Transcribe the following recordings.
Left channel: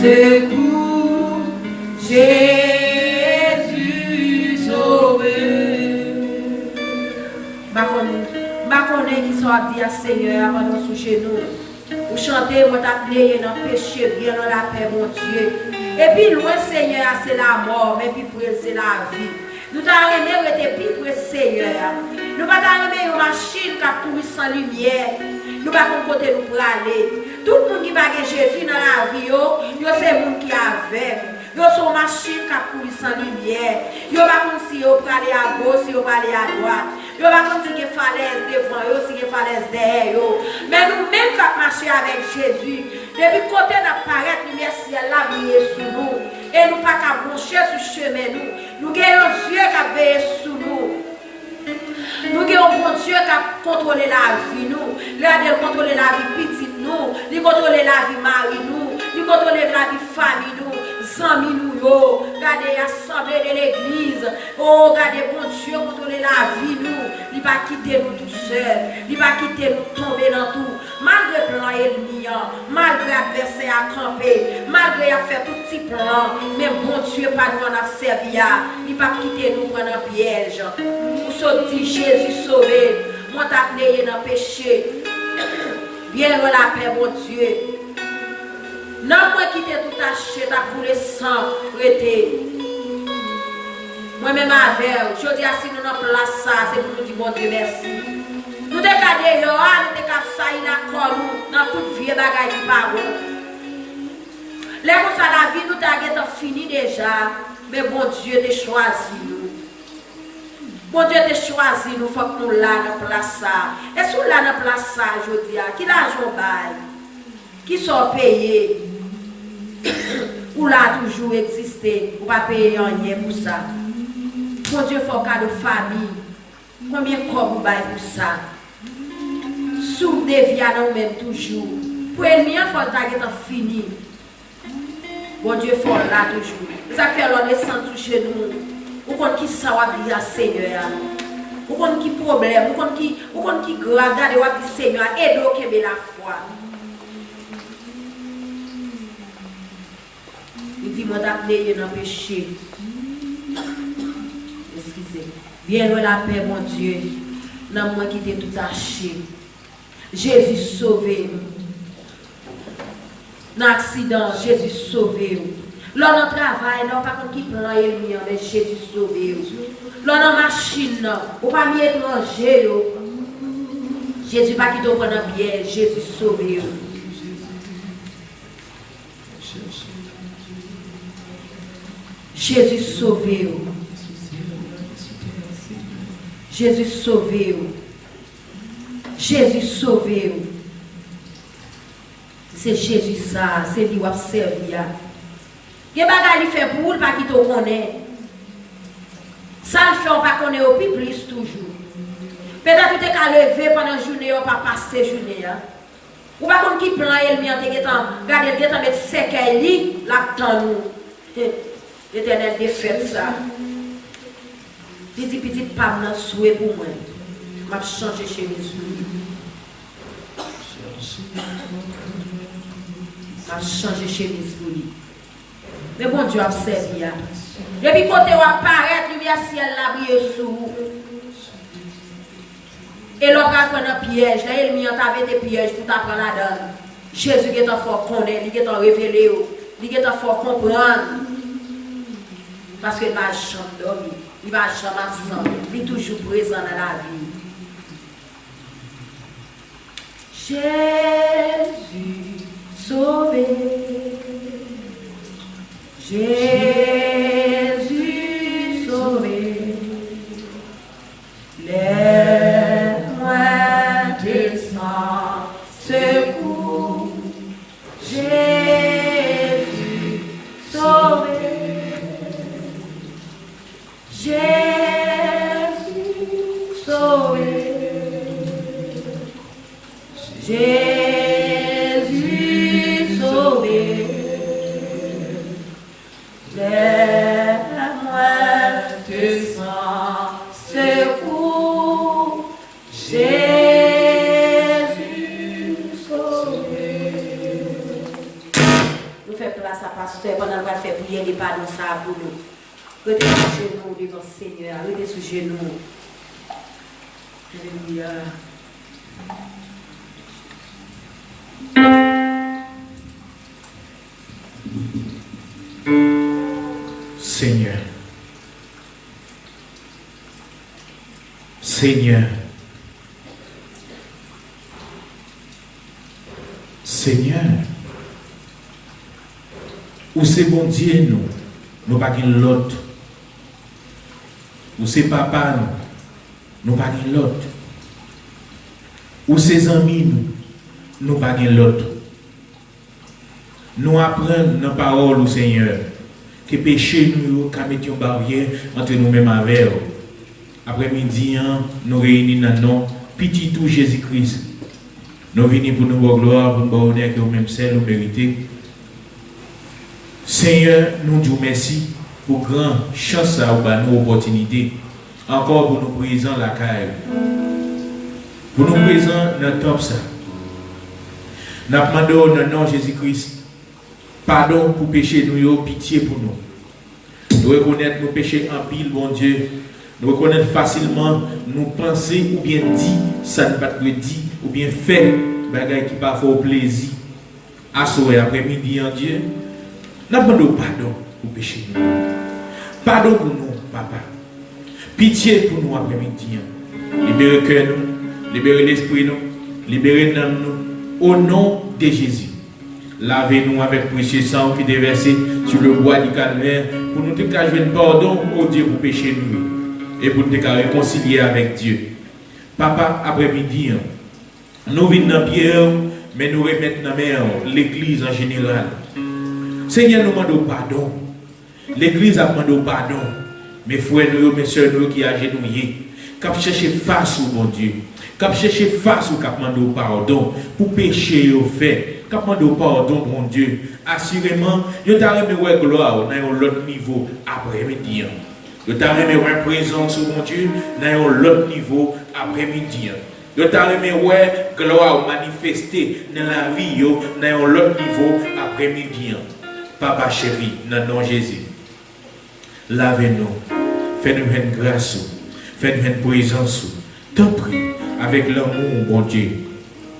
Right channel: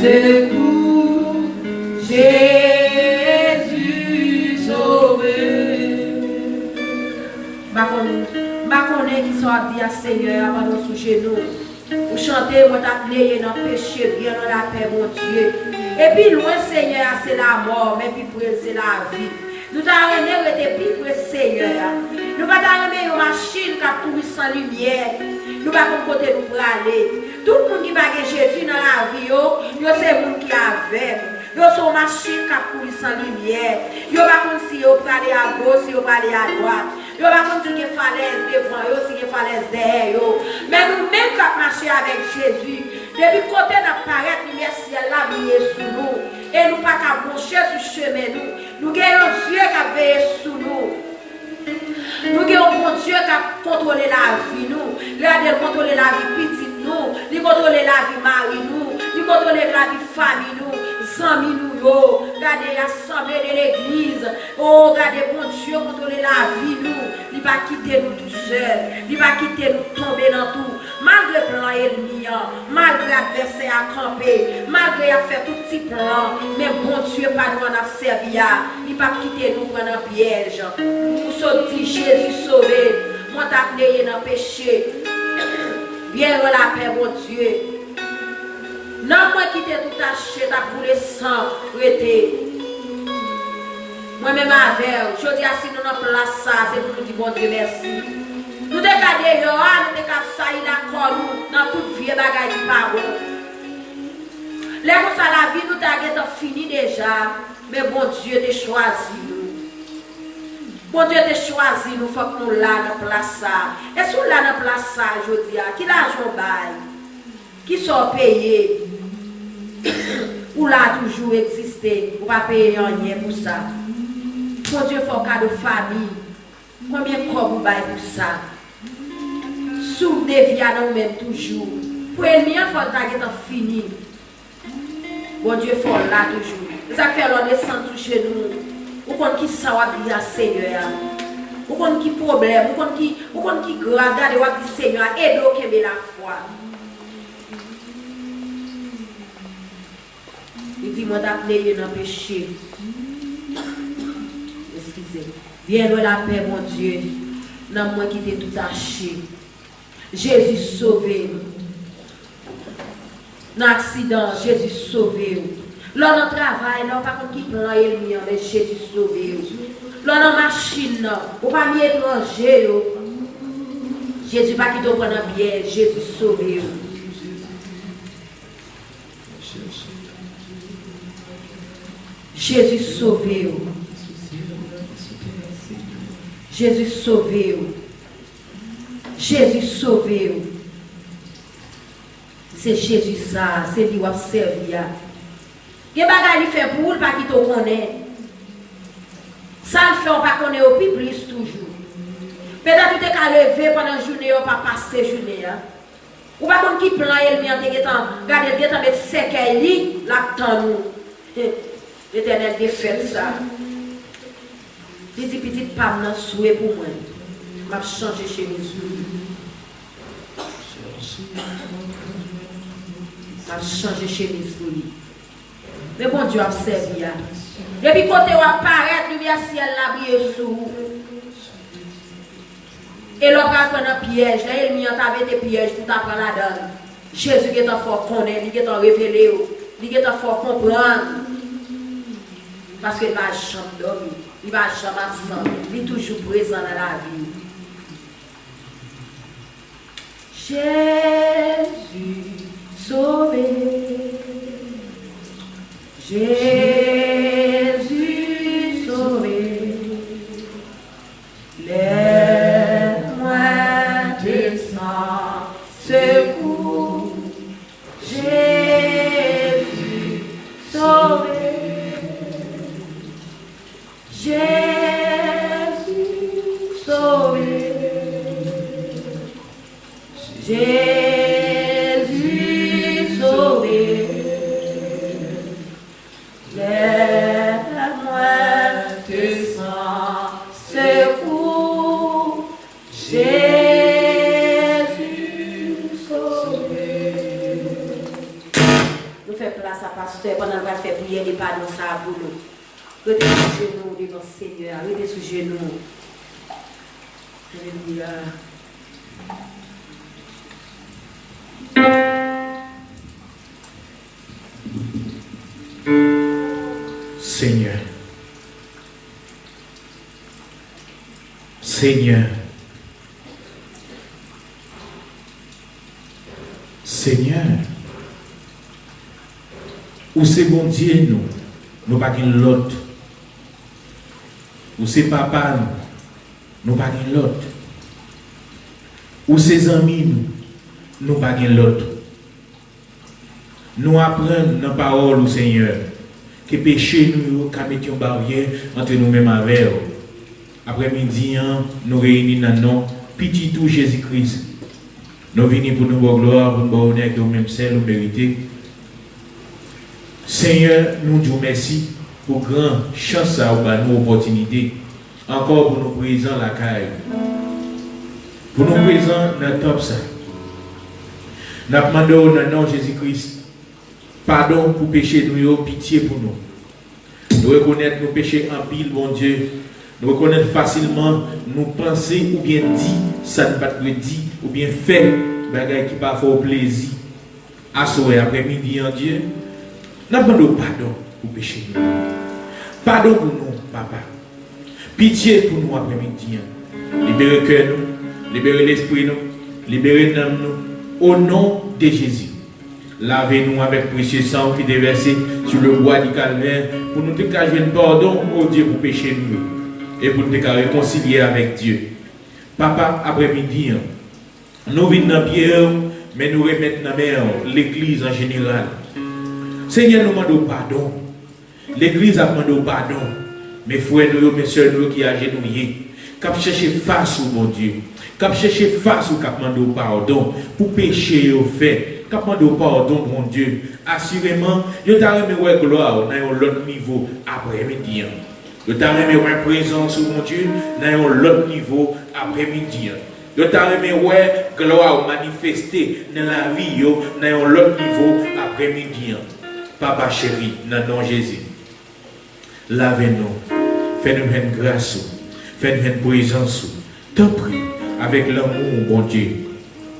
secours, Jésus sauvé. Ma connaît qui soit dit à Seigneur avant nous sous genoux. Vous chantez, vous appelez dans le péché, bien dans la paix, mon Dieu. Et puis loin, Seigneur, c'est la mort, mais puis pour c'est la vie. Nous t'avons aimé, plus pour Seigneur. Nous t'avons aimé une machine qui a tout sans lumière. Nous n'avons pas côté nous pour aller. Tout le monde qui va Jésus dans la vie, c'est le monde qui a avec. Nous sommes machine qui a tout sans lumière. Nous n'avons pas si vous aller à gauche, si vous aller à droite. Nous n'avons pas si vous falaise devant vous, si vous falaise derrière vous. Mais nous-mêmes qui avons marché avec Jésus, depuis côté d'apparaître, nous merci à la vie sur nous. Et nous pas qu'à boucher sur le chemin. Nous avons Dieu qui a veillé sur nous. Nous avons un Dieu qui a contrôlé la vie, nous. Il a contrôlé la vie petite, nous. Il a contrôlé la vie mari, nous. Il a contrôlé la vie famille, nous. Amis, nous. Regardez l'assemblée de l'église. Oh, regardez, bon Dieu, contrôler la vie, nous. Il va quitter nous tout seul. Il va quitter nous tomber dans tout. Malgré le plan ennemi, malgré l'adversaire à camper, malgré à faire tout petit plan, mais bon Dieu, pas nous en a servi. Il va quitter nous prendre un piège. Nous sommes dit Jésus sauvé. Moi, t'as payé dans le péché. Bien la paix, mon Dieu. Non, moi qui t'ai tout acheté, t'as coulé sang, prêté. Moi-même avec, je dis à si nous n'avons place ça, c'est pour nous dire bon Dieu merci. Nous décadons, nous décadons ça, il a quoi dans toute vie bagaille qui parle. Les gens ça la vie, nous t'avons fini déjà, mais bon Dieu t'a choisi nous. Bon Dieu t'a choisi nous, il faut que nous l'ayons dans place ça. Et si nous l'ayons dans place ça, je dis, qui l'argent bail, qui sont payés, ou là toujours existé, ou pas payer rien pour ça. Bon Dieu, il faut qu'à de famille, combien de corps vous baillez pour ça? Sous des vies à nous-mêmes toujours. Pour les liens, il faut que fini. Bon Dieu, il faut là toujours. Ça fait l'on est sans toucher nous. Ou qu'on qui ça va dire Seigneur. Ou qu'on qui problème, ou qu'on qui grave, regardez, ou dit Seigneur, aide-nous qui est la foi. Il dit, moi d'appeler dans le péché. Excusez. Bien loin la paix, mon Dieu. Non, moi qui t'ai tout acheté. Jésus sauvé. Dans l'accident, Jésus sauvé. Là, dans le travail, là, pas contre qui prend l'ennemi, mais Jésus sauvé. Là, dans la machine, ou pas mis étranger. Jésus pas qui doit prendre bien, Jésus sauvé. Jésus sauvé. Jésus sauvé. Jésus sauvé. C'est Jésus ça, c'est lui qui a servi. Il y a des choses qui fait pour lui, pas qui te connaît. Ça le fait, on ne connaît pas plus toujours. Peut-être que tu as levé pendant la journée, on ne pas passer la journée. Ou pas comme qui plan, il vient de regarder, il vient de mettre sec à lui, là-dedans nous. L'Éternel a fait ça. Petit pas dans souhait pour moi. Je vais changer chez lui. Je vais changer chez lui. Mais bon Dieu a servi. Depuis côté où apparaît, il y a ciel là bien sous. Et l'on va prendre un piège. Là, il y a des pièges tout après la donne. Jésus qui est fort connaître, il est révélé, il est fort comprendre. Parce qu'il va jamais dormir, il va jamais ensemble, il est toujours présent dans la vie. Jésus sauvé, Jésus sauvé, lève-moi tes sangs, secours, Jésus sauvé. Jésus sauvé, Jésus sauvé, faire place à pasteur pendant qu'on va faire prier les pardons ça pour nous. Restez sous genoux devant le Seigneur, restez sous genoux. Alléluia. Seigneur, Seigneur, Seigneur, ou c'est bon Dieu nous pas l'autre. Ou c'est papa nous pas l'autre. Ou ses amis nous pas l'autre. Nous apprenons dans la parole du Seigneur que péché nous a mis une barrière entre nous-mêmes avec eux. Après-midi, nous réunissons dans le nom petit tout Jésus-Christ. Nous venons pour nous voir gloire, pour nous honneur, que nous-mêmes c'est nous mériter. Seigneur, nous disons merci pour grande chance à nous opportunité. Encore pour nous présents la caille. Pour nous présents dans top ça. Nous demandons dans le nom de Jésus-Christ. Pardon pour péché nous, pitié pour nous. Nous reconnaître nos péchés en pile, bon Dieu. Nous reconnaître facilement nos pensées ou bien dit, ça ne pas te dit, ou bien fait, bagaille qui parfois au plaisir. À soir après-midi en Dieu, nous demandons pardon pour péché nous. Pardon pour nous, papa. Pitié pour nous après-midi. Libérez le cœur nous, libérez l'esprit nous, libérez l'âme nous, au nom de Jésus. Lavez-nous avec précieux sang qui est versé sur le bois du calvaire pour nous dégager un pardon au Dieu pour pécher nous et pour nous réconcilier avec Dieu. Papa, après-midi, nous venons dans Pierre, mais nous remettons dans l'église en général. Seigneur, nous demandons pardon. L'église a demandé pardon. Mes frères, mes soeurs, nous qui agenouillés, qui cherché face au bon Dieu, qui cherché face au qui demandé pardon pour pécher au fait. Quand on demande pardon, mon Dieu, assurément, il y a une gloire dans un autre niveau après-midi. Il y a une présence, mon Dieu, dans un autre niveau après-midi. Il y a une gloire manifestée dans la vie, dans un autre niveau après-midi. Papa chéri, dans le nom de Jésus, lavez-nous, faites-nous une grâce, faites-nous une présence, t'en prie, avec l'amour, mon Dieu.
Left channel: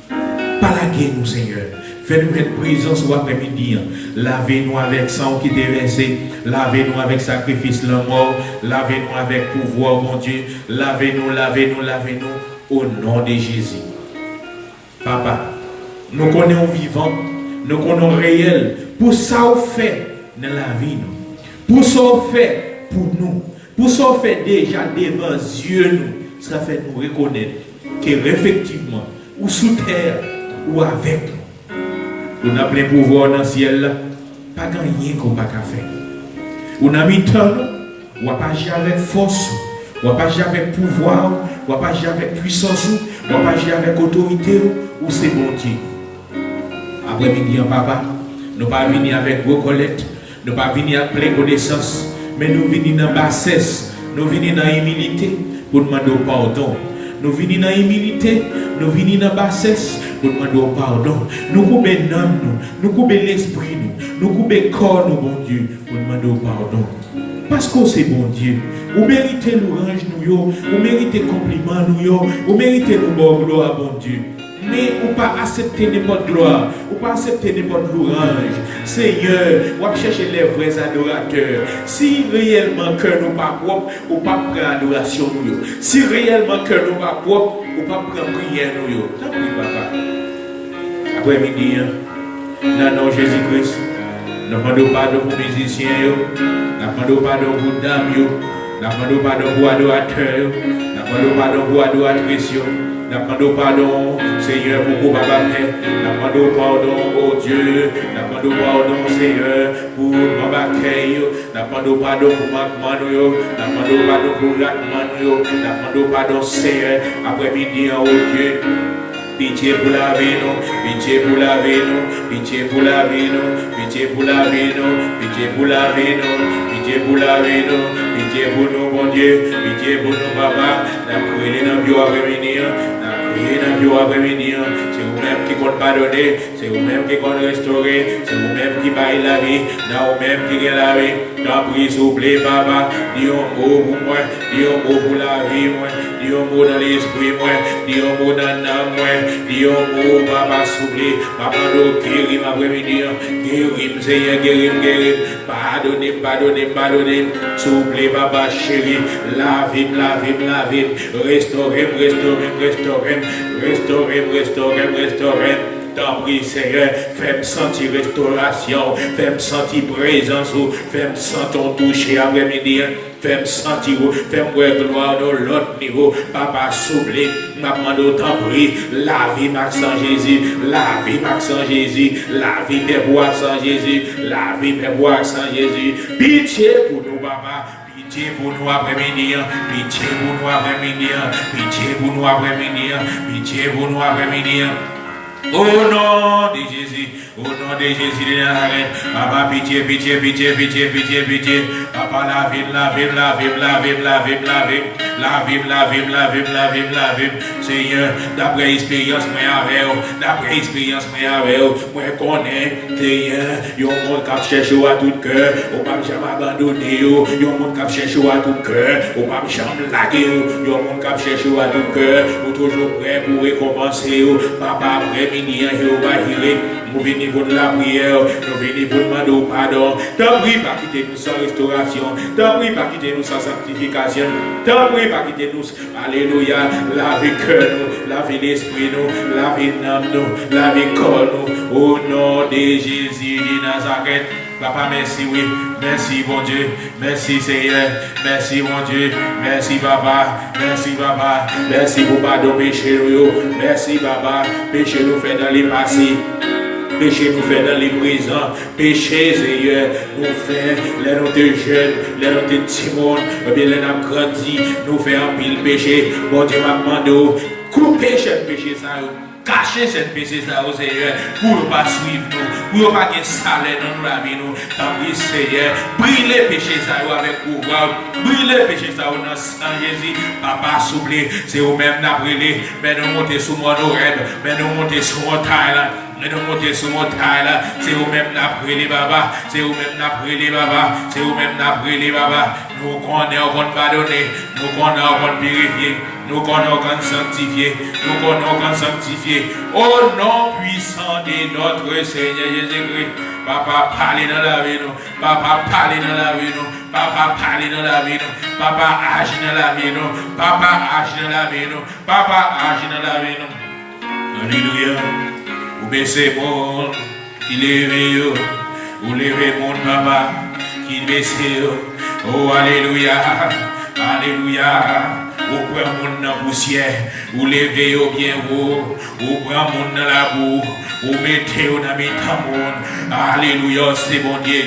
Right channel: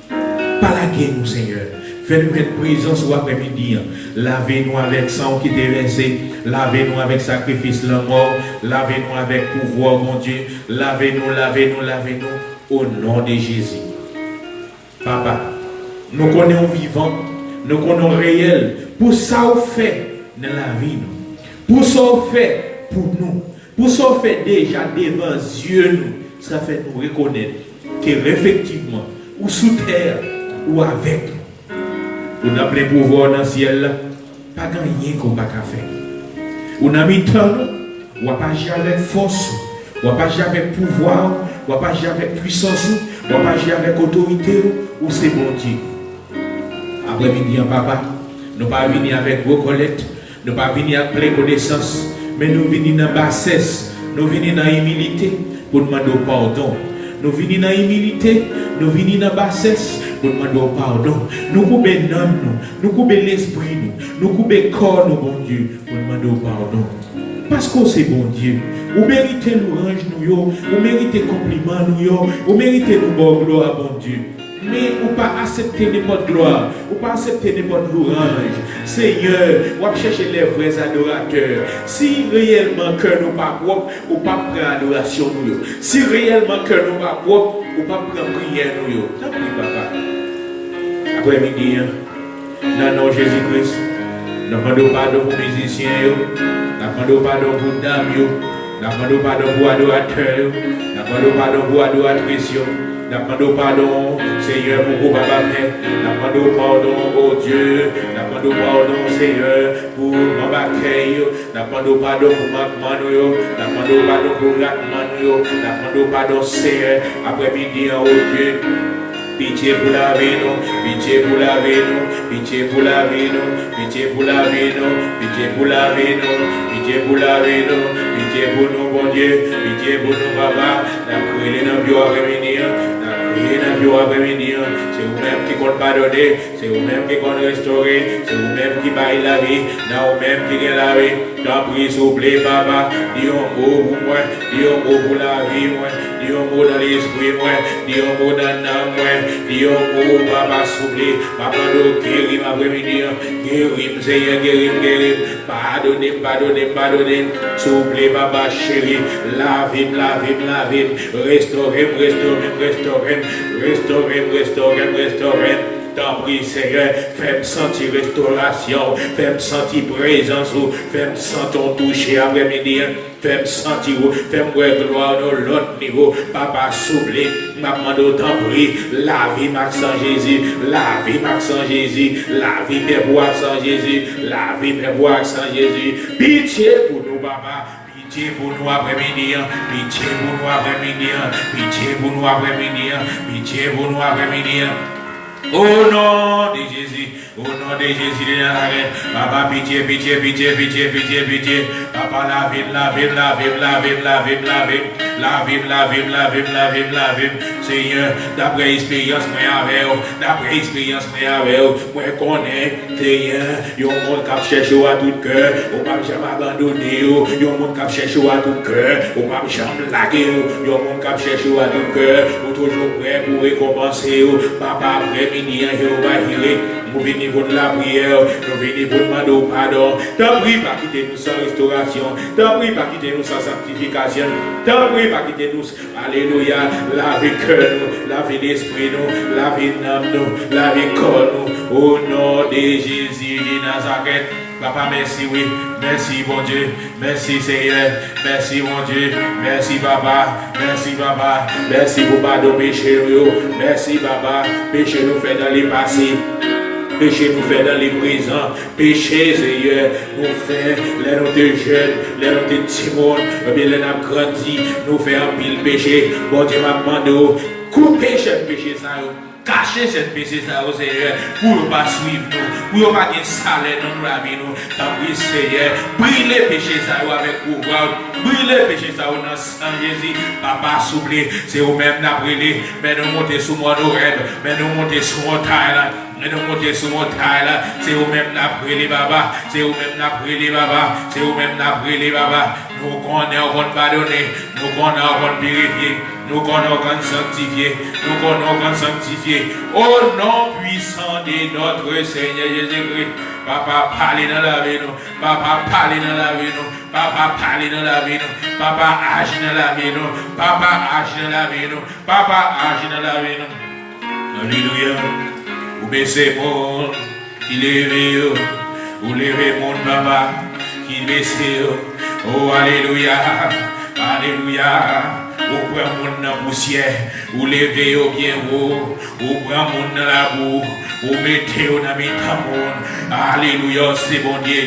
Palaguez-nous, Seigneur. Fais-nous une présence ou après-midi. Lavez-nous avec sang qui est déversé. Lavez-nous avec sacrifice la mort. Lavez-nous avec pouvoir, mon Dieu. Lavez-nous, lavez-nous, lavez-nous au nom de Jésus. Papa, nous connaissons vivant, nous connaissons réel. Pour ça, on fait dans la vie. Pour ça, on fait pour nous. Pour ça, on fait déjà devant Dieu nous. Ça fait nous reconnaître qu'effectivement, ou sous terre, ou avec nous. On a plein pouvoir dans le ciel, pas gagné qu'on va faire. On a mis temps, on n'a pas jamais force, on n'a pas jamais pouvoir, on n'a pas jamais puissance, on n'a pas jamais autorité, ou c'est bon Dieu. Après-midi, papa, nous ne pas venir avec vos collectes, nous ne pas venir avec plein connaissance, mais nous venons dans bassesse, nous venons dans humilité pour demander pardon. Nous venons dans humilité, nous venons dans bassesse pour demander pardon. Nous coupons l'âme, nous coupons l'esprit, nous coupons le corps, bon Dieu, pour demander pardon. Parce que c'est bon Dieu. Vous méritez l'orange, vous méritez compliment, vous méritez le bon gloire, bon Dieu. Mais vous ne pas accepter n'importe gloire, vous ne pas accepter n'importe l'orange. Seigneur, vous cherchez les vrais adorateurs. Si réellement que nous pas propre, vous ne pas prendre adoration. Si réellement que nous pas propre, vous ne pas prendre prière. Ça prie, papa. Après-midi, dans le nom de Jésus-Christ, nous demandons pardon pour les musiciens, nous demandons pardon pour les dames, nous demandons pardon pour les adorateurs, nous demandons pardon pour les adoratrices. Nous demandons pardon, Seigneur, pour vos papas. Nous demandons pardon, oh Dieu. Nous demandons pardon, Seigneur, pour ma bataille. Nous demandons pardon pour ma maman. Nous demandons pardon pour la maman. Nous demandons pardon, Seigneur, après-midi, oh Dieu. Pitié pour la vie, pitié pour la vie, pitié pour la vie, pitié pour la vie, pitié pour la vie, pitié pour la vie, pitié pour nous, bon Dieu, pitié pour nous, papa. Nous prions dans le bureau après-midi. dans le après-midi. C'est vous-même qui compte pardonner, c'est vous-même qui compte restaurer, c'est vous-même qui baille la vie, dans vous-même qui gagne la vie. T'en prie, souple, papa, dis un mot pour moi, dis un mot pour la vie, moi, dis un mot dans l'esprit, moi, dis un mot dans l'âme, moi, dis un mot, papa, souple, papa, guéris ma après-midi, guéris, Seigneur, guéris, pardonnez, souple, papa, chéri, la vie, restaurez. T'en prie, Seigneur, fais-moi sentir restauration, fais-moi sentir présence, fais-moi sentir toucher après-midi, fais-moi sentir, fais-moi gloire dans l'autre niveau, papa souple, maman t'en prie, la vie Maxent Jésus, la vie Maxent Jésus, la vie mes bois sans Jésus, la vie mes bois sans Jésus, pitié pour nous, papa. Pitié pour nous après-midi, pitié pour nous après-midi, pitié pour nous après-midi, pitié pour nous après-midi. Au nom de Jésus, au nom de Jésus de Nazareth, papa, pitié. Papa, la vie. Seigneur, d'après expérience, moi connais, Seigneur, yon monde qui cherche à tout cœur, on va jamais abandonner, yon monde qui cherche à tout cœur, on va jamais laguer, yon monde qui cherche à tout cœur, ou toujours prêt pour récompenser, papa, après-midi, nous venons pour la prière, nous venons pour demander pardon. T'en prie pas quitter nous sans restauration, t'en prie pas quitter nous sans sanctification, t'en prie pas quitter nous, alléluia, la vie cœur nous, la vie l'esprit nous, la vie dans nous, la vie corps nous, au nom de Jésus de Nazareth. Papa, merci, oui. Merci, bon Dieu. Merci, Seigneur. Merci, mon Dieu. Merci, papa. Merci pour pardon péché. Merci, papa. Péché nous fait dans les passés. Péché nous fait dans les présents. Péché, Seigneur, nous fait, les nous de jeunes, les nous de timons, les nous grandi, nous fait un pile péché. Bon Dieu m'a demandé, couper ce péché, ça. Cacher cette péché, ça, Seigneur, pour ne pas suivre nous, pour ne pas gagner salaire dans la vie, nous. Tant pis, Seigneur, brille les péchés, ça, avec pouvoir, brille les péchés, ça, dans sang Jésus. Papa, s'oublie, c'est vous-même, n'a brûlé, mais nous montez sous mon oreille, mais nous montez sous mon taille, là. Mais nous montez sous mon taille, là. C'est vous-même, n'a brûlé, baba. C'est vous-même, n'a brûlé, baba. C'est vous-même, n'a brûlé, baba. Nous connaissons bon pardonner, nous connaissons bon purifier. Nous connaissons sanctifier, nous connaissons sanctifier. Au nom puissant de notre Seigneur Jésus-Christ. Papa, parlez dans la vie, nous. Papa, parlez dans la vie, nous. Papa, parlez dans la vie, nous. Papa, agis dans la vie, nous. Papa, agis dans la vie, nous. Papa, agis dans la vie, nous. Alléluia. Vous baissez mon, il est vous levez mon papa, qui baissez. Oh, alléluia. Alléluia. Vous prenez mon dans la poussière, vous levez au bien haut, vous prenez mon dans la boue, vous mettez au dans mes tamons. Alléluia, c'est bon Dieu.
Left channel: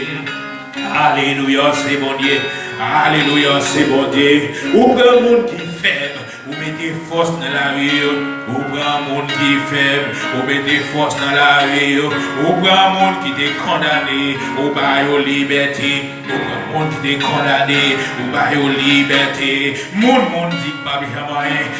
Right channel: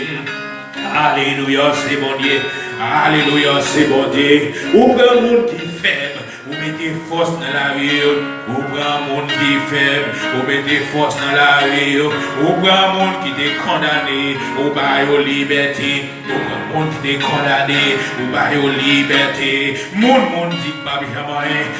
Alléluia, c'est bon Dieu. Alléluia, c'est bon Dieu. Vous prenez mon qui est faible, vous mettez force dans la vie. Vous prenez mon qui est faible, vous mettez force dans la vie. Vous prenez mon qui est condamné, vous baillez aux libertés. Mon qui est condamné, ou pas aux libertés. Mon dit pas bien,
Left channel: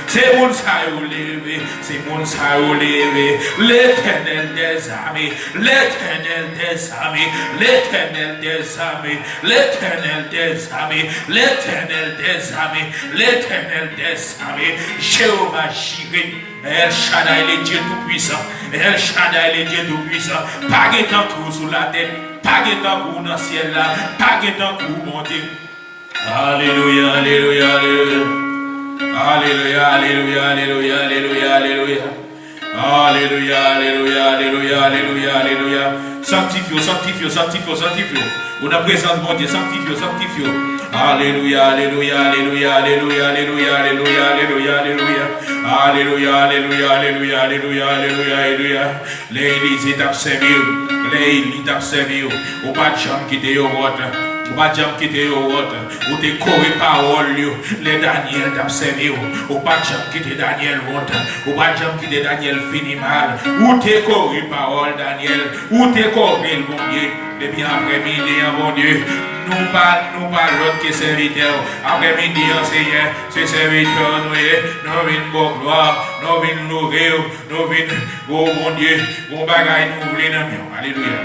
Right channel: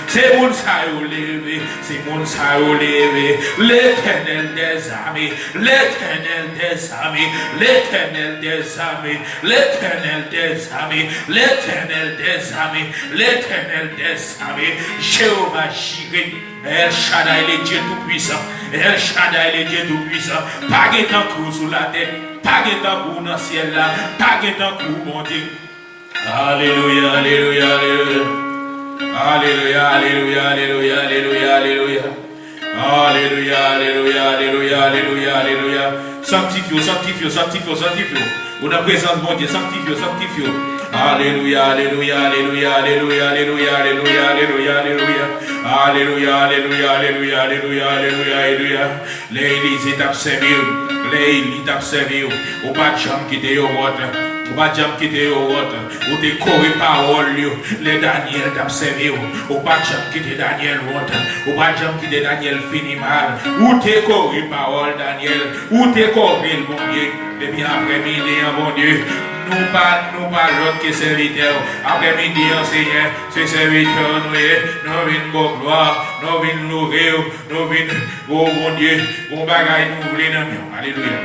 c'est mon ça au levé, c'est mon ça au levé. L'Éternel des armées, l'Éternel des armées, l'Éternel des armées, l'Éternel des armées, l'Éternel des armées, l'Éternel des armées. Jéhovah Jireh, El Shaddai, le Dieu tout-puissant, El Shaddai, le Dieu tout-puissant. Pas de temps tout sous la tête. Pas de temps pour dans le ciel là, pas de temps pour mon Dieu. Alléluia, alléluia, alléluia. Alléluia, alléluia, alléluia, alléluia, alléluia. Alléluia, alléluia, alléluia, alléluia, alléluia. Sanctifie, sanctifie, sanctifie, sanctifie. Ou la présence de mon Dieu, sanctifie, sanctifie. Alléluia, alléluia, alléluia, alléluia, alléluia, alléluia, alléluia, alléluia. Alléluia, alléluia, alléluia, alléluia, alléluia, alléluia. L'église est observée. L'église est observée. Ou pas de chambre qui est au vote. Ou pas jamais quitter au autre. Ou te coré parole, les Daniel t'observer. Ou pas jamais quitter Daniel autre. Ou pas jamais quitter Daniel fini mal. Ou te coré parole Daniel. Ou te coré le bon Dieu. Et bien après-midi, mon Dieu, nous pas l'autre que serviteur. Après-midi, Seigneur, c'est serviteur, nous venons pour gloire, nous venons nourrir, nous venons, oh mon Dieu, bon bagaille, nous voulons. Alléluia.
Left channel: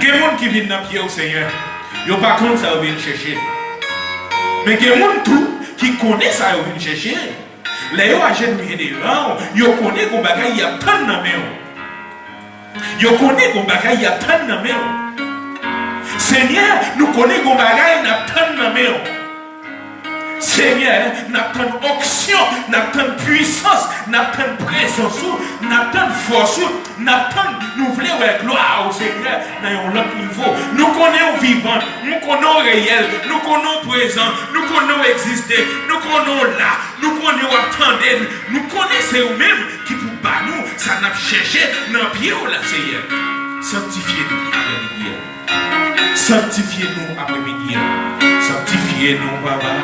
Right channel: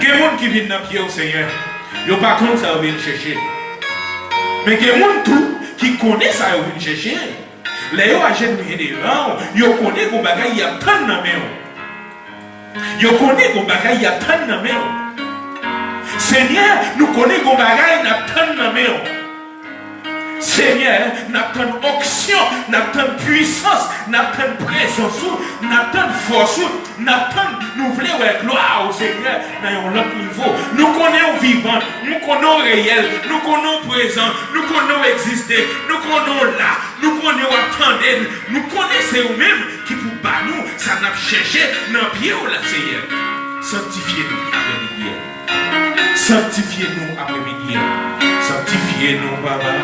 Il y a des gens qui viennent dans le pied au Seigneur, ils n'ont pas compte ça, ils viennent chercher. Mais il y a des gens qui connaissent ça, ils viennent chercher. Les gens agenouillés devant, ils connaissent que bagaille, il y a tant de mains. Ils connaissent que bagaille, il y a tant de mains. Seigneur, nous connaissons que bagaille, il y a tant de mains. Seigneur, nous avons une onction, nous avons une puissance, nous avons une présence, nous avons une force, nous voulons la gloire au Seigneur dans un autre niveau. Nous connaissons vivant, nous connaissons réel, nous connaissons présent, nous connaissons exister, nous connaissons là, nous connaissons attendre, nous connaissons nous-mêmes qui pour pas nous, ça n'a cherché dans le pied au Seigneur. Sanctifiez-nous après-midi. Sanctifiez-nous après-midi. Sanctifiez-nous, Papa.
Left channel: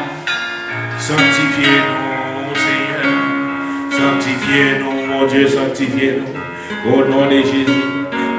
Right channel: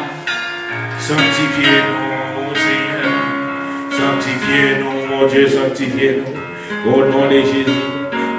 Sanctifiez-nous, Seigneur. Sanctifiez-nous, mon Dieu, sanctifiez-nous. Au nom de Jésus.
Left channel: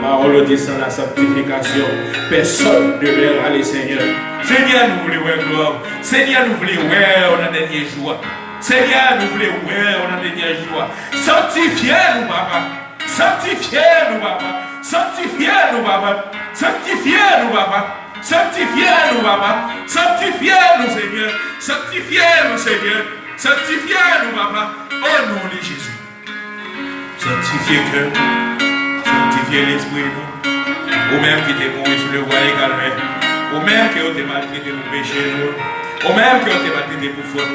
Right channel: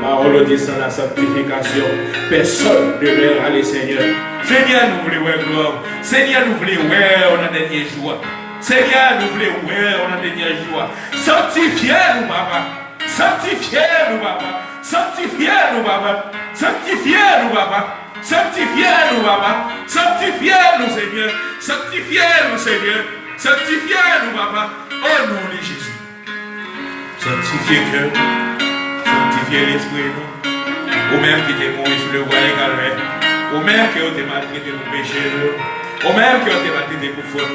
Parole dit sans la sanctification. Personne ne verra les Seigneur. Seigneur, nous voulons voir gloire. Seigneur, nous voulons voir on a dernier joie. Seigneur, nous voulons voir on a dernier joie. Sanctifiez-nous, Papa. Sanctifiez-nous, Papa. Sanctifiez-nous, Papa. Sanctifiez-nous, Papa. Sanctifiez-nous, Papa. Sanctifiez-nous, Seigneur. Sanctifiez-nous, Seigneur. Sanctifiez-nous, Papa. Au nom de Jésus. Sanctifiez le cœur. Sanctifiez l'esprit, nous. Ou même qui t'es mourir sur le roi également. Ou même qui t'es maltraité pour pécher, ou même qui t'es maltraité pour faute.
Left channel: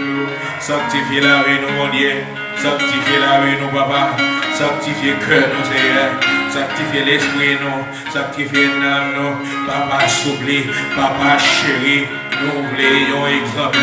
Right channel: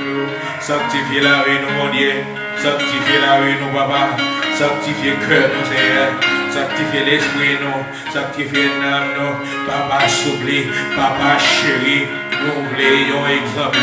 Sanctifiez la vie, nous, mon Dieu. Sanctifiez la vie, nous, Papa. Sanctifiez le cœur, nous, Seigneur. Sanctifiez l'esprit, nous. Sanctifiez l'âme, nous. Papa, s'oublie. Papa, chéri. Nous voulons exemple.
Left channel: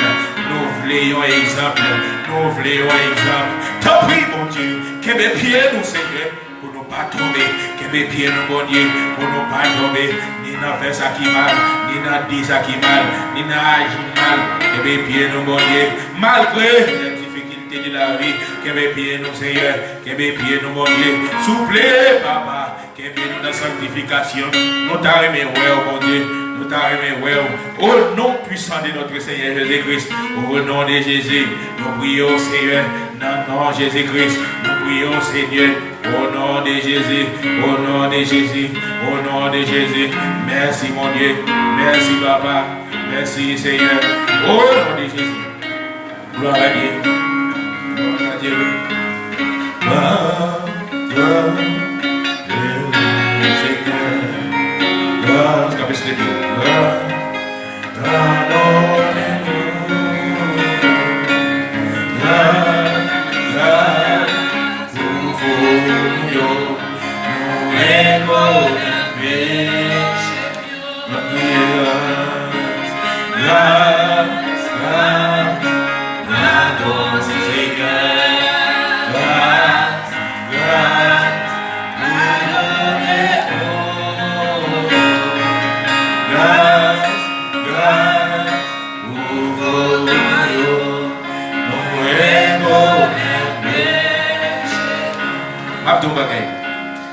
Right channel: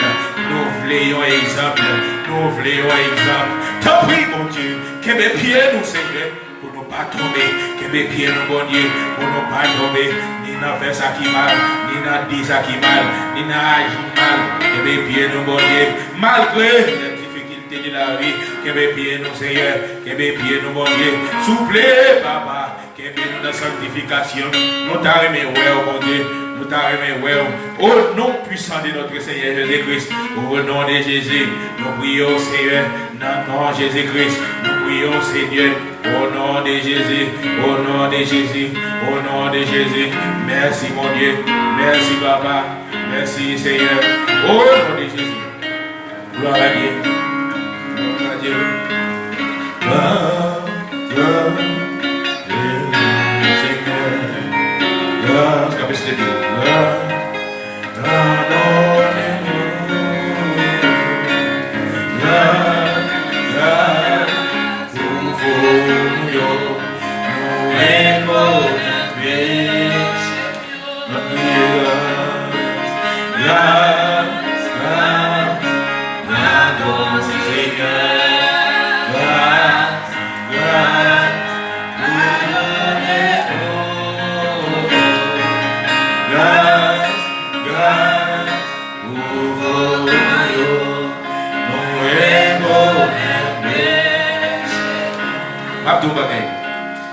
Nous voulons exemple. Nous voulons exemple. T'as pris, mon Dieu. Que mes pieds, nous, Seigneur. Pour ne pas tomber. Que mes pieds, nous, mon Dieu. Pour ne pas tomber. Ni dans faire ça qui mal. Ni dans dire ça qui mal. Ni dans agir mal. Que mes pieds, nous, mon Dieu. Malgré les difficultés de la vie. Que mes pieds, nous, Seigneur. Que mes pieds, nous, mon Dieu. Souple, Papa. Que mes pieds, nous, dans la sanctification. Nous t'arrêtons, mon Dieu. Nous t'arrêtons, au nom puissant de notre Seigneur Jésus-Christ, au nom de Jésus, nous prions, Seigneur, dans le nom de Jésus-Christ, nous prions, Seigneur, au nom de Jésus, au nom de Jésus, au nom de Jésus. Merci, mon Dieu, merci, Papa, merci, Seigneur, au nom de Jésus. Gloire à Dieu, gloire à Dieu, gloire à Dieu, Seigneur. Grâce, capacité de Dieu.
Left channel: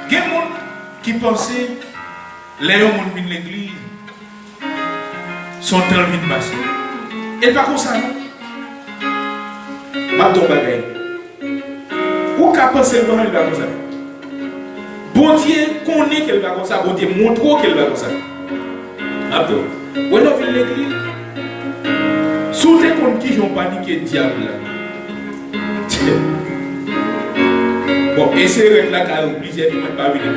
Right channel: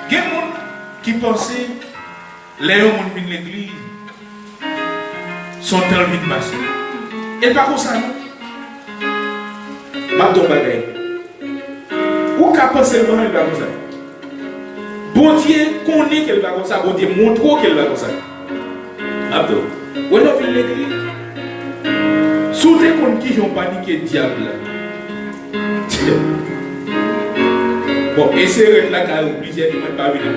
Il y a des gens qui pensent les gens qui viennent l'église sont dans le passé. Et pas comme ça. Ou qu'à penser que elle va comme ça. Bon Dieu connaît qu'elle va comme ça. Bon Dieu montre qu'elle va comme ça. Abdo, où est-ce que l'église? Sous tes comptes qui ont paniqué le diable. Bon, et c'est vrai que là, quand vous plusieurs ne peuvent pas venir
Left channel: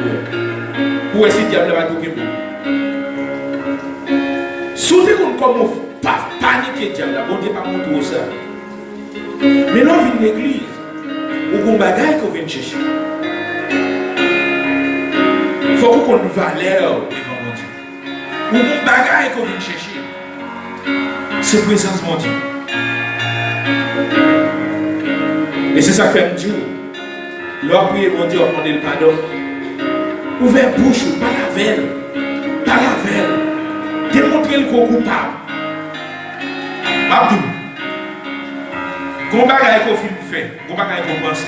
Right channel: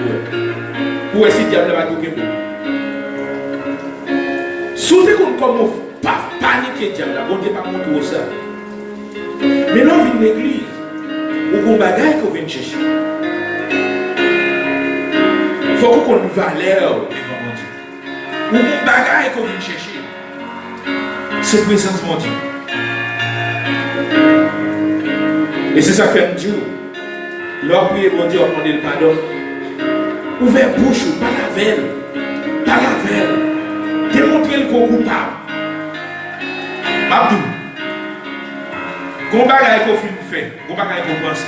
pour essayer de diable va tout pour. Sous tes comptes comme vous pas paniquer le diable, bon Dieu pas montrer ça. Mais là, on vient de l'église. Ou qu'on bagaille qu'on vient chercher. Il faut qu'on nous valeur devant mon Dieu. Ou qu'on bagaille qu'on vient chercher. C'est présence mon Dieu. Et c'est ça que fait un Dieu. L'homme prie mon Dieu, on le pardon. Ouvert bouche, pas la veille. Pas la veille. Démontrer qu'on coupable. Abdou. Qu'on bagaille qu'on fait, qu'on bagaille qu'on pense.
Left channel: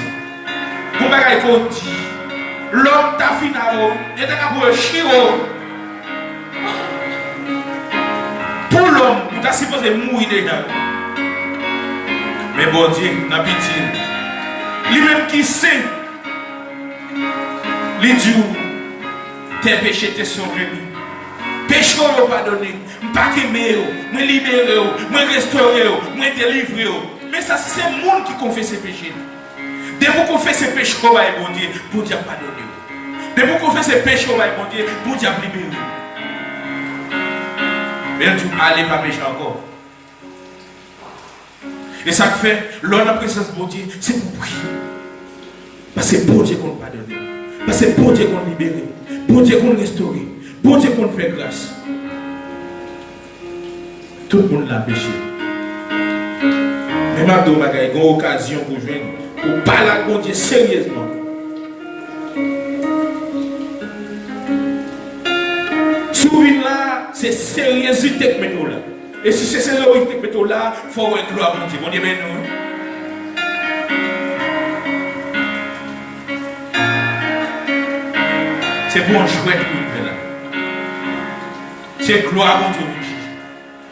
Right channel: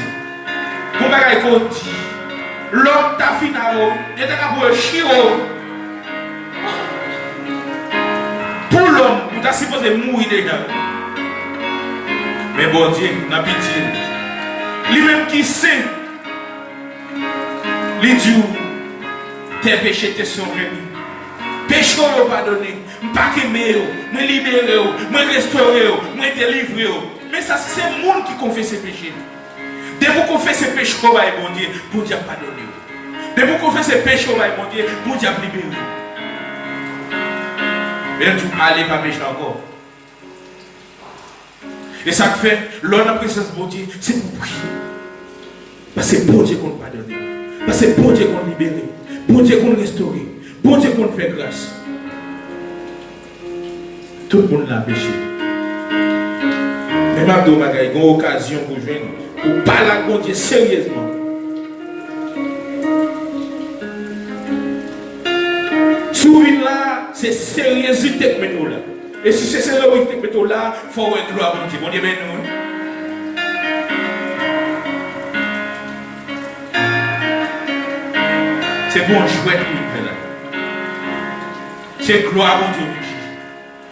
Qu'on bagaille qu'on dit. L'homme t'a fini à l'eau, et t'as pour le chiro. Pour l'homme, on t'a supposé mourir dedans. Mais bon Dieu, n'a pitié. Lui-même qui sait, lui dit, tes péchés te sont remis. Péché au pardonné, pas qu'aimer, me libérer, me restaurer, me délivrer. Mais ça, c'est le monde qui confesse ses péchés. Dès que vous confessez ses péchés, bon Dieu, pour Dieu pardonner. Dès que vous confessez ses péchés, bon Dieu, pour Dieu libérer. Mais tu allez pas pécher encore. Et ça fait, lors de la présence de bon Dieu, c'est pour prier. Parce que c'est pour Dieu qu'on pardonne. Parce que c'est pour Dieu qu'on libère. Pour Dieu qu'on restaure. Pour Dieu qu'on fait grâce. Tout le monde l'a péché. Mais maintenant, il y a une occasion pour joindre. Pour parler à bon Dieu sérieusement. Souvent là, c'est sérieuxité que nous là. Et si c'est sérieuxité que nous là, il faut avoir gloire à mon Dieu. Bon Dieu, ben nous. C'est pour un jouet que nous là. C'est gloire à mon Dieu.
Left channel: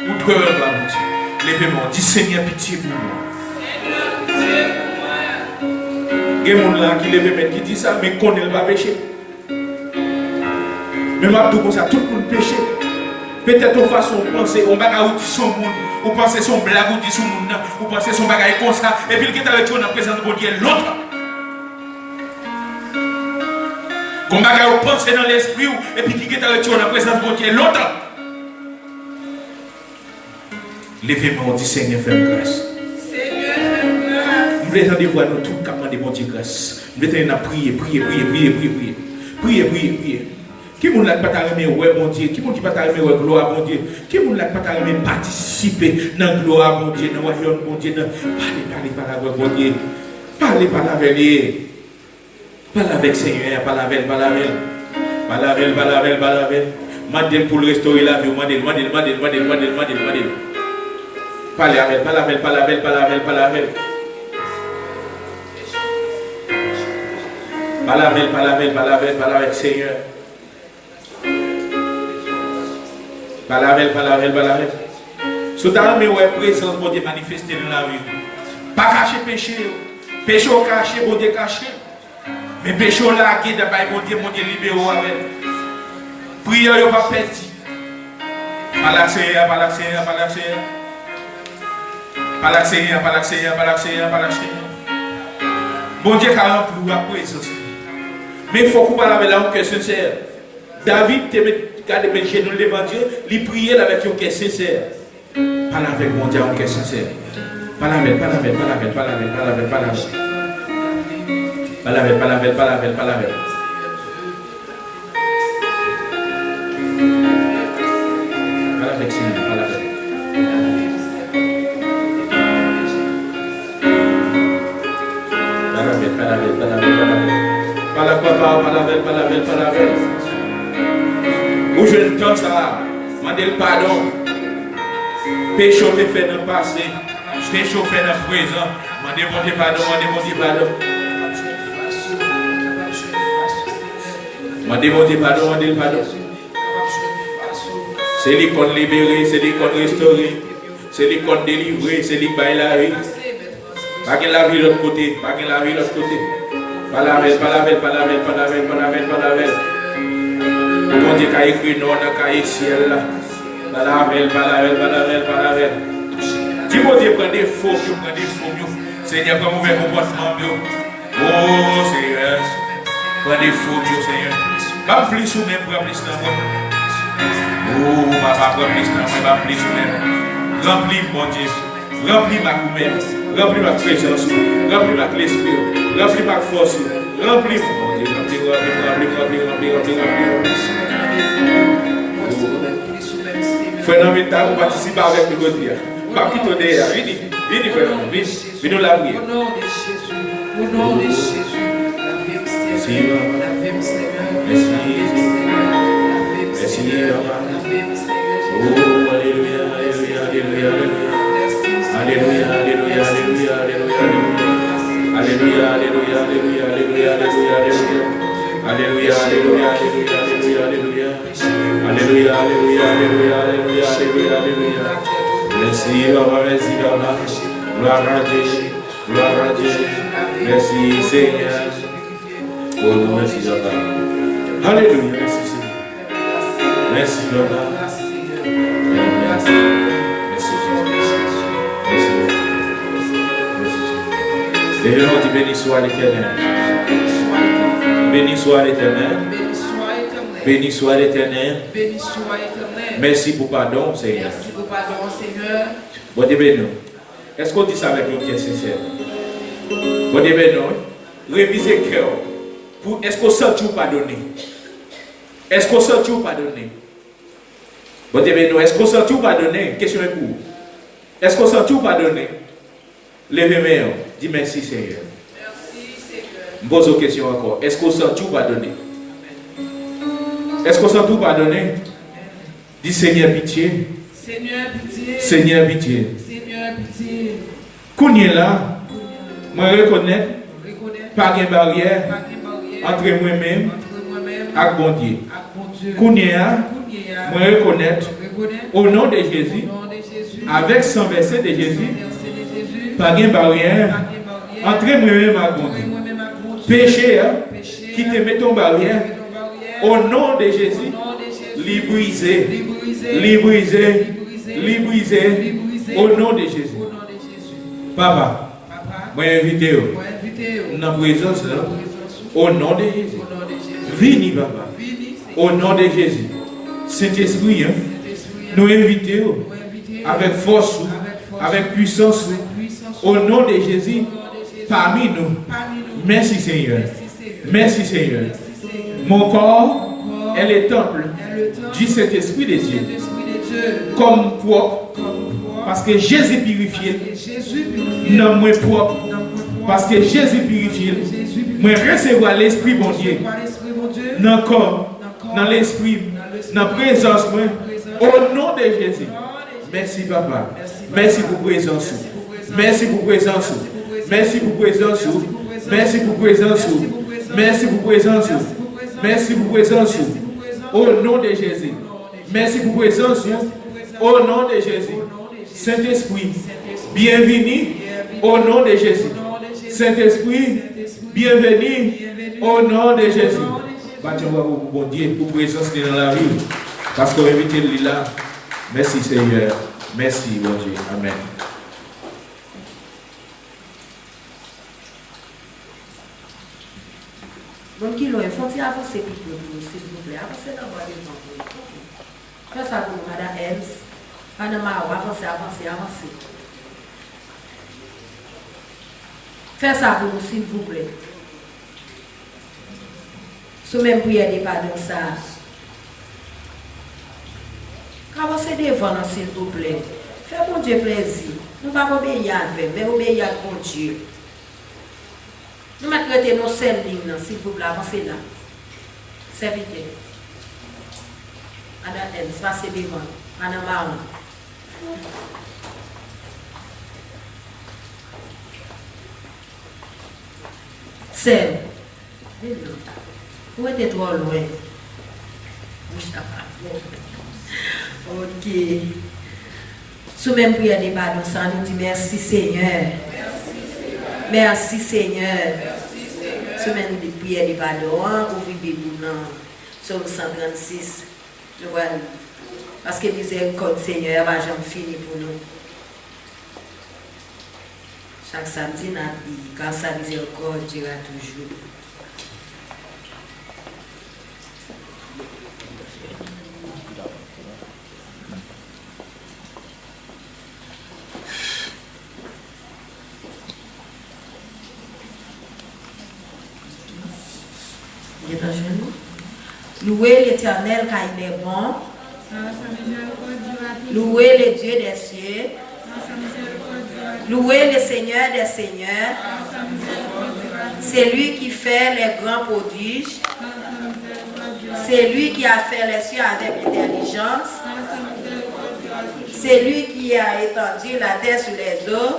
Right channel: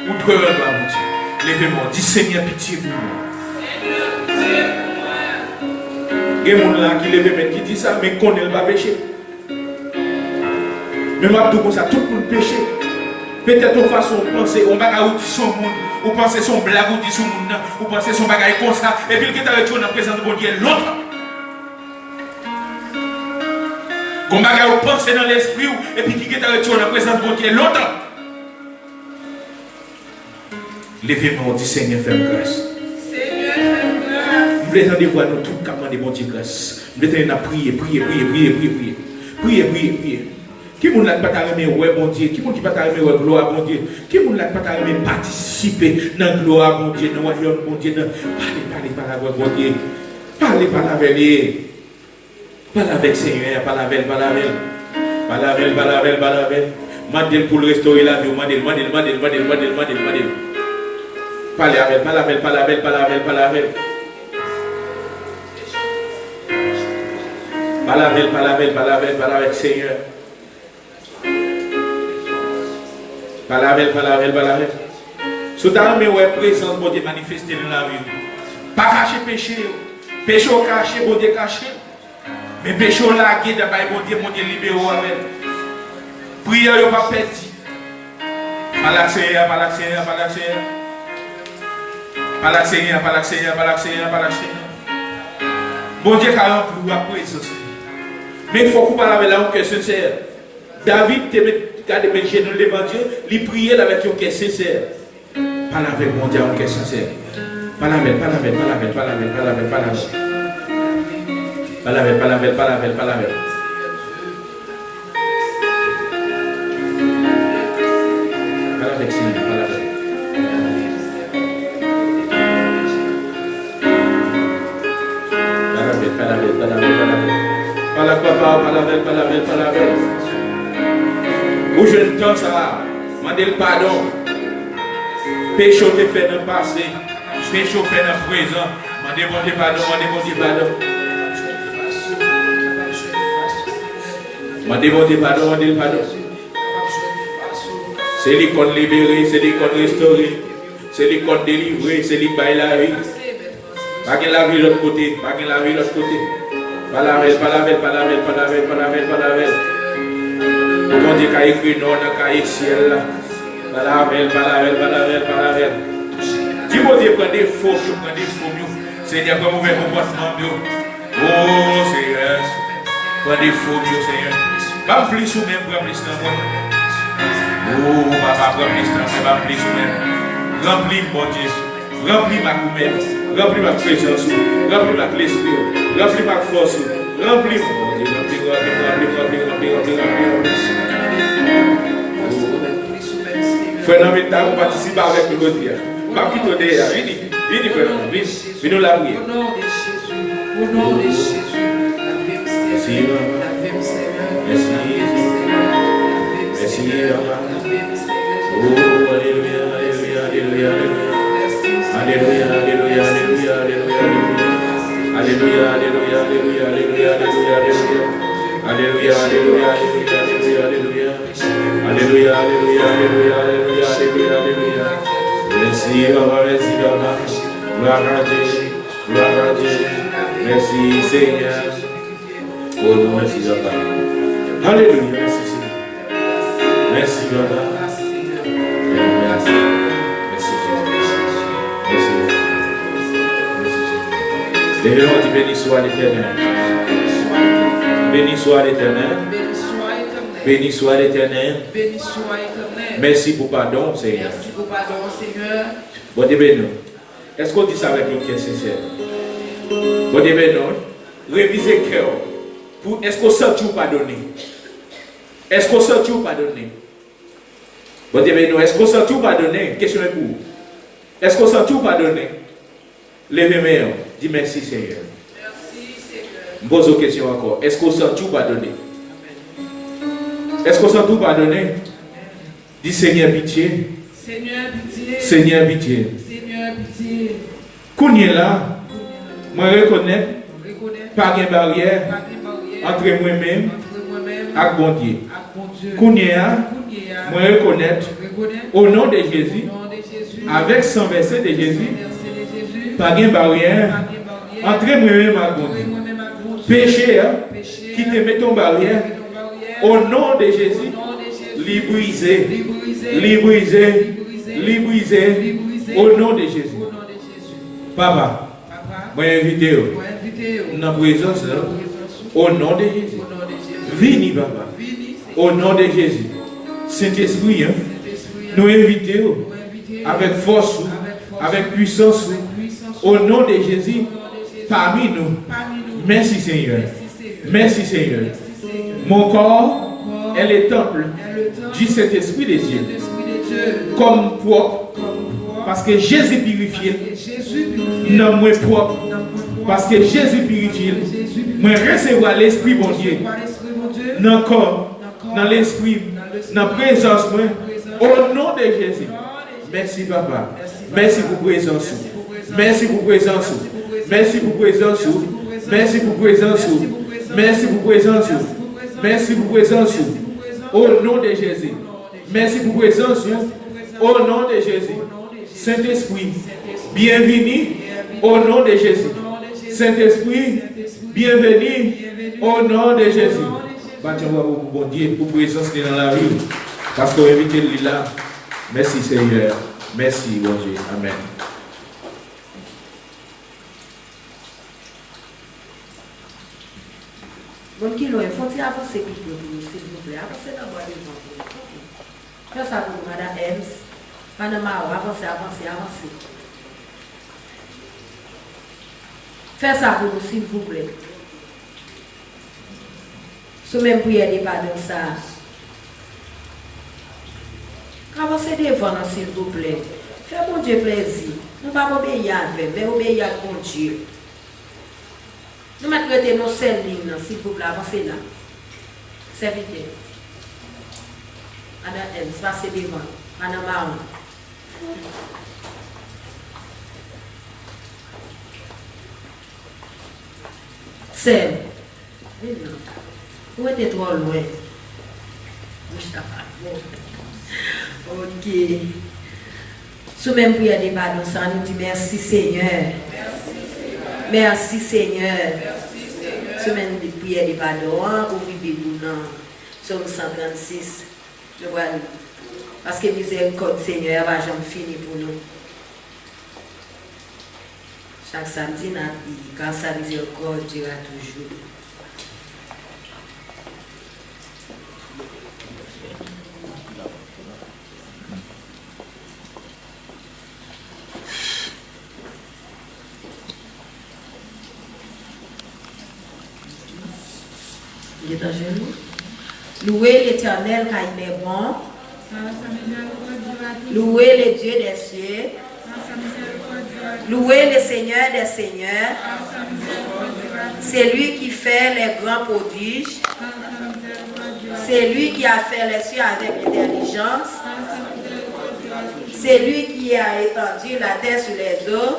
Ou gloire à mon Dieu. Lèvez-moi, dis Seigneur, pitié pour moi. Il y a des gens qui lèvent qui disent ça, mais qu'on ne va pas pécher. Mais moi, tout ça, tout le monde péché. Peut-être une façon de penser, on va dire son monde, ou penser son blague, ou dire son monde, ou penser son bagage comme ça, et puis il est avec toi dans la présence de mon Dieu, l'autre. On va penser dans l'esprit, et puis qui est avec toi dans la présence de mon Dieu, l'autre. Levez-moi, dit Seigneur, fais grâce. Nous voulons entendre voir nous tous comment de mon Dieu grâce. Nous voulons prier. Qui ne l'a pas carrément ouais mon Dieu, qui ne pas carrément ouais gloire mon Dieu, qui ne l'a pas carrément participer dans la gloire mon Dieu, dans la joie mon Dieu, parlez par la voix mon Dieu, parlez par la veille, parlez avec Seigneur, parlez avec, mandez pour le restaurer la vie, mandez. Parlez avec. Parlez avec Seigneur. Parlez avec. Si tu as une présence, bon Dieu manifester dans la rue. Pas cacher péché. Péché au caché, bon Dieu caché. Mais péché au lagué, d'abord, bon Dieu libéré avec. Prière, il pas petit. Parlez Seigneur. Bon Dieu, car on peut présence. Mais il faut qu'on parle avec un cœur sincère. David, quand il est dans l'évangile, il priait avec un cœur sincère. Parle avec mon Dieu, un cœur sincère. Parle avec. Seigneur, parle avec. Parle avec. Où je ne pense à demander le pardon. Péché te fait dans le passé. Péché fait dans le présent. Demandez mon Dieu pardon. Demandez mon Dieu pardon. C'est lui qu'on libéré, c'est lui qu'on restauré, c'est lui qu'on délivré, c'est lui qui baille la vie. Pas que la vie de l'autre côté. Parle avec. Mon Dieu qui a écrit non dans le cahier ciel là. Parle avec. Si mon Dieu prend des faux, Seigneur, comme vous faites comportement. Oh Seigneur, prends des faux, Seigneur. Comme plus ou même, pour plus dans moi. Oh, papa, plus ou même. Remplis mon Dieu. Remplis ma commune. Remplis ma présence. Remplis ma l'esprit. Remplis ma force. Remplis mon Dieu. Fondamental pour participer avec nous. Pas quitter derrière. Venez faire nous la prière. Au nom de Jésus, Merci. alléluia, alléluia, alléluia, alléluia. Alléluia, alléluia, alléluia, alléluia, alléluia, alléluia. Merci, Papa, merci, Papa. Gloire à Dieu, gloire à Dieu. Merci, Seigneur. Oh non, merci, Papa. Alléluia, merci, Seigneur. Merci, Papa. Merci, merci, Jésus. Merci, merci, Jésus. Et nous, béni soit l'Éternel. Béni soit l'Éternel. Béni soit l'Éternel. Merci pour pardon, Seigneur. Merci pour pardon, Seigneur. Bon Dieu béni. Est-ce qu'on dit ça avec une question sincère? Bon Dieu béni. Révisez le cœur. Est-ce qu'on sent tout pardonner? Est-ce qu'on sent tout pardonner? Bon Dieu béni. Est-ce qu'on sent tout pardonner? Question est pour. Est-ce qu'on sent tout pardonner? Levez-moi. Dis merci, Seigneur. Merci, Seigneur. Je pose une question encore. Est-ce qu'on sent tout pardonner? Est-ce qu'on sent tout pardonner? Dis Seigneur pitié. Seigneur pitié. Seigneur pitié. Seigneur pitié. Qu'on est là, moi reconnais pas de barrière entre moi-même et bon Dieu. Qu'on est là, moi reconnaître au nom de Jésus, avec son verset de Jésus, pas de barrière entre moi-même et bon Dieu. Péché, qui te met ton barrière, au nom de Jésus, librisé, librisé, librisé, au nom de Jésus. Papa, moi invité dans la présence au nom de Jésus. Vini, papa, au nom de Jésus. Saint-Esprit, nous invitons avec force, avec puissance, au nom de Jésus, parmi nous. Merci Seigneur. Merci Seigneur. Mon corps est le temple du Saint-Esprit de Dieu. Comme propre, parce que Jésus purifié. Non, moi propre, parce que Jésus purifié. Moi recevoir l'Esprit bon Dieu. Dans le corps, dans l'Esprit, dans la présence, au nom de Jésus. Merci Papa. Merci pour présence. Merci pour présence. Merci pour présence. Merci pour présence. Merci pour présence. Merci pour présence. Au nom de Jésus. Merci pour présence. Au nom de Jésus. Saint-Esprit, bienvenue au nom de Jésus. Saint-Esprit, bienvenue au nom de Jésus. Bâtons-moi pour Dieu pour présence dans la rue. Parce que invitez-le là. Merci Seigneur. Merci mon Dieu. Amen. Donc, il faut avancer plus s'il vous plaît. Avancez dans le voyage. Faites ça pour Madame Ems. Madame Mao, avancez, avancez, avancez. Faites ça pour nous, s'il vous plaît. Sous même prière de pardon, ça. Avancez devant nous, s'il vous plaît. Faites mon Dieu plaisir. Nous ne pouvons pas obéir avec, mais obéir à mon Dieu. Nous mettons nos seules lignes, s'il vous plaît, avancez là. Serviteur. Madame Ems, passez devant. Madame Mao. C'est. Où était toi loin? Ok. Sous même prière de pardon, ça nous dit merci Seigneur. Merci Seigneur. Sous même prière de pardon, pour vivre sur le 136. Je vois. Parce que miséricorde Seigneur va jamais finir pour nous. Chaque samedi, dans la vie, quand sa miséricorde durera toujours. Il est à genoux. Louez l'Éternel car il est bon. Louez le Dieu des cieux. Louez le Seigneur des seigneurs. C'est lui qui fait les grands prodiges. C'est lui qui a fait les cieux avec intelligence. C'est lui qui a étendu la terre sur les eaux.